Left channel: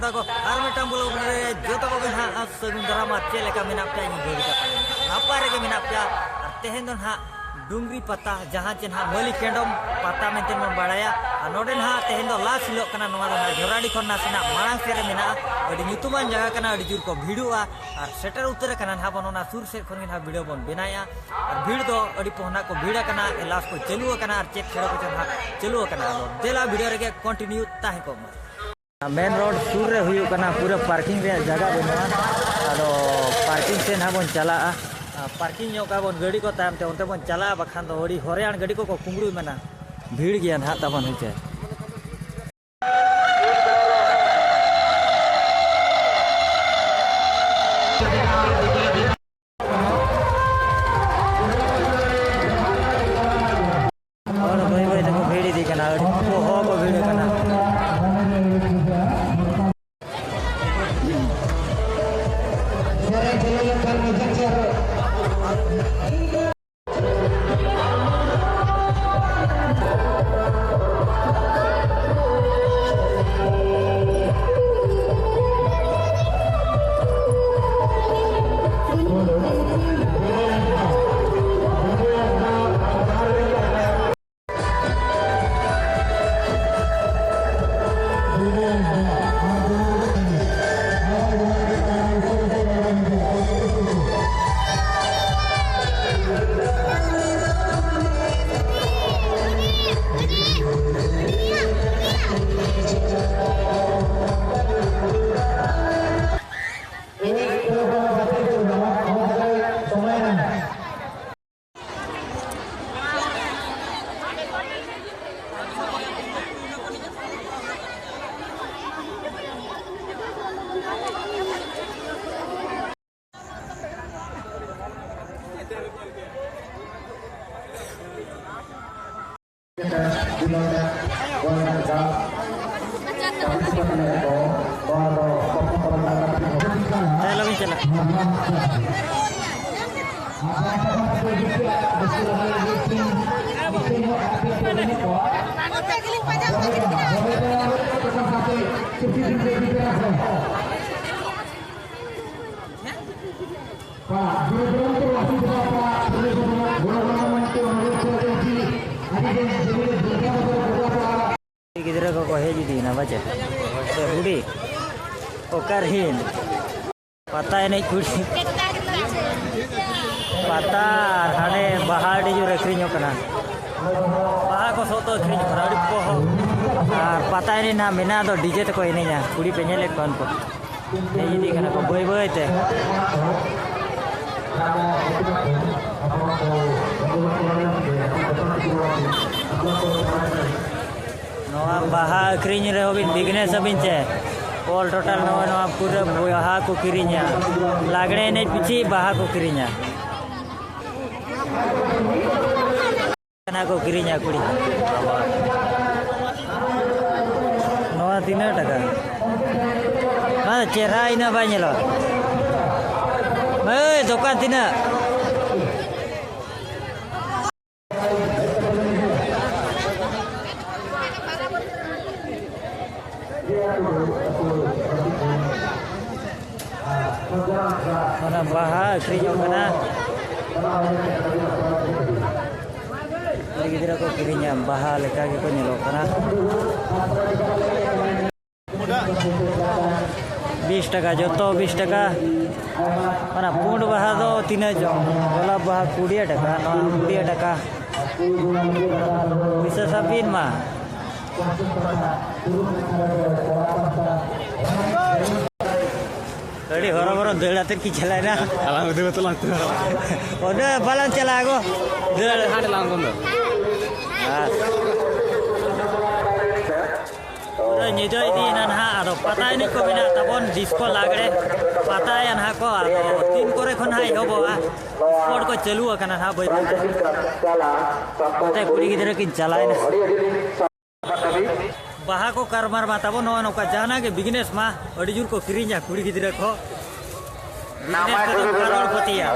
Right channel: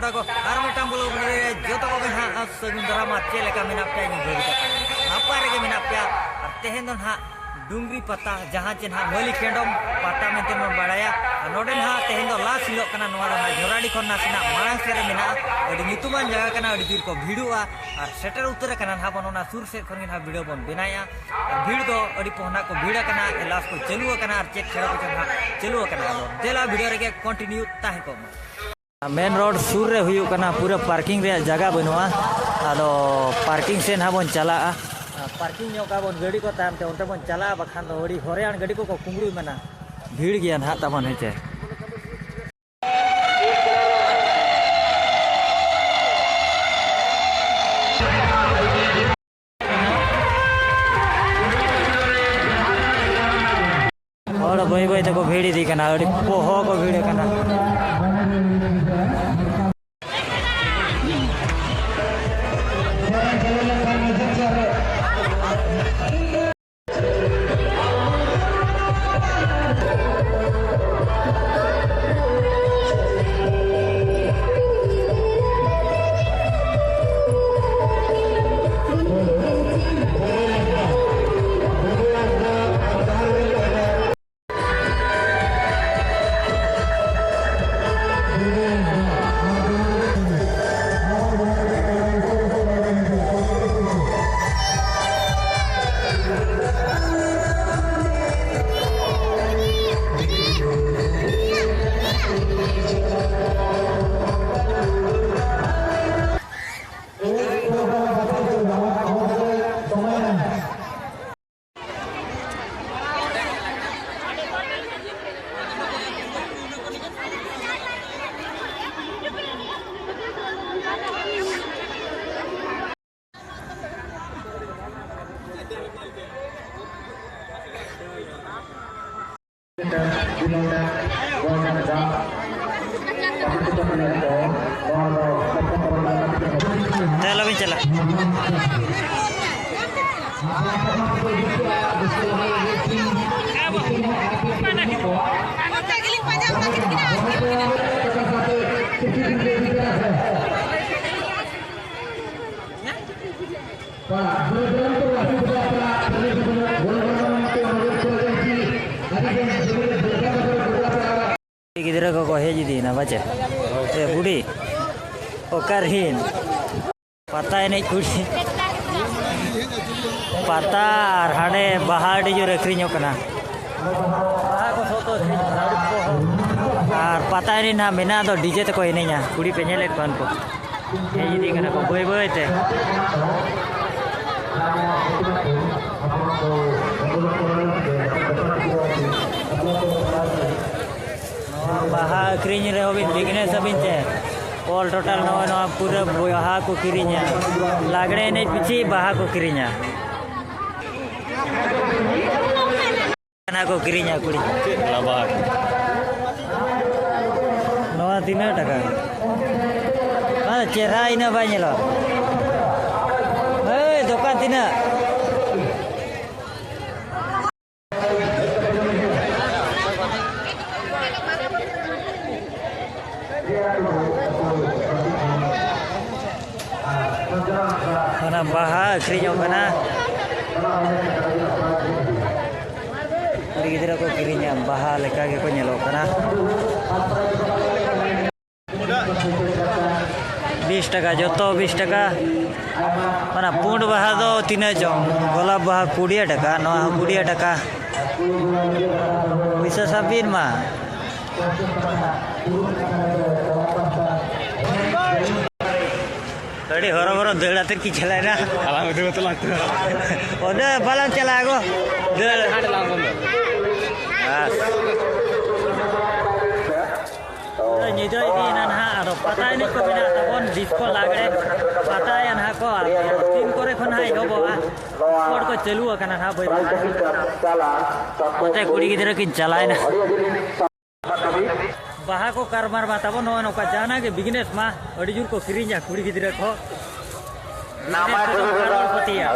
जोड़ा को और मिटाम बोलो जो तो को ना सगुन दरामा चेले का मिना पे घड़ी का नापारे के मिना पे तेहेन दो ना डुंगरी पता जहाँ चे ना मलिक केंडम पता में तेन बड़ाया नोडे ना तेहेन दो लास्ट हिलो कना नोआ ना झोराडी खन नासिना मांग सेरे मिना अडी नितुमान जगह कना अडी जुर को भिड़ुआ और सेटर उतर कना ना बनोना सुर से खन ना वीडियो बन बनाया भीड़ दो अडी पोहना को भीड़ कना लास्ट को चलुआ कना और चेक खेड़ा को ना चलुआ कना देला वीडियो रे कंटिन्यू ताहे को मेन रोड सुर रे हुयु कना पूरा पार्किंग रे जगह बनुआ आदो पार्किंग से ना बन चला पार्किंग का बन गाड़ी को ताम ते उनते बन चला बखान दो हड़ी हरियाण गाड़ी को कुंगरू मना भीड़ गया ना तबन हेचे और भाई भाई देखो भीड़ दी कना और को भीड़ कना चलो भी चला गिदरा को हेज दी ना बचे ए बुढ़ी ओकर हिन पता नहीं कुछ पता और हाने बहाड़ी जो रखरीño कना बहा को सोतो अखरीñ बराड़ी को और पता नहीं ना मिना दो डीजे तको इनेña कुड़ी पे ñelet कौन को हेज दी कना को बोय बोय ते बाहा अखरीñ रे होबिन बिजनेस अबिन चे ऑल टोटल नवा पूरा बाहा को किरीña लागड़े ने पीछे बाहा को किरीña ना को किरीña कुड़ी नवा 3 टाका हां चेहरा इना बा ñelo ए दुकान 3 mana baha akhirnya kana kuri gidra ko kirinya baha leka ge ko nyelo kana 20 টাকা joto 20 টাকা mana pund baha do 3 jong golap baha 20 টাকা no 20 টাকা bisa sabin mah tadi orang-orang dela terki jalan na udah balang cala aku nyidoi di nanha ado pata ini ko bina tabon disco lagre pata ya nah ko tin kore khon hai go ba sport ko chalu akana ha boy pata kudi gidra ki jalai na baha ko karmar batabo no ka jana ke business मा अड़ी जुर को किरीña कुड़ी गिदरा को business को करोड़पति या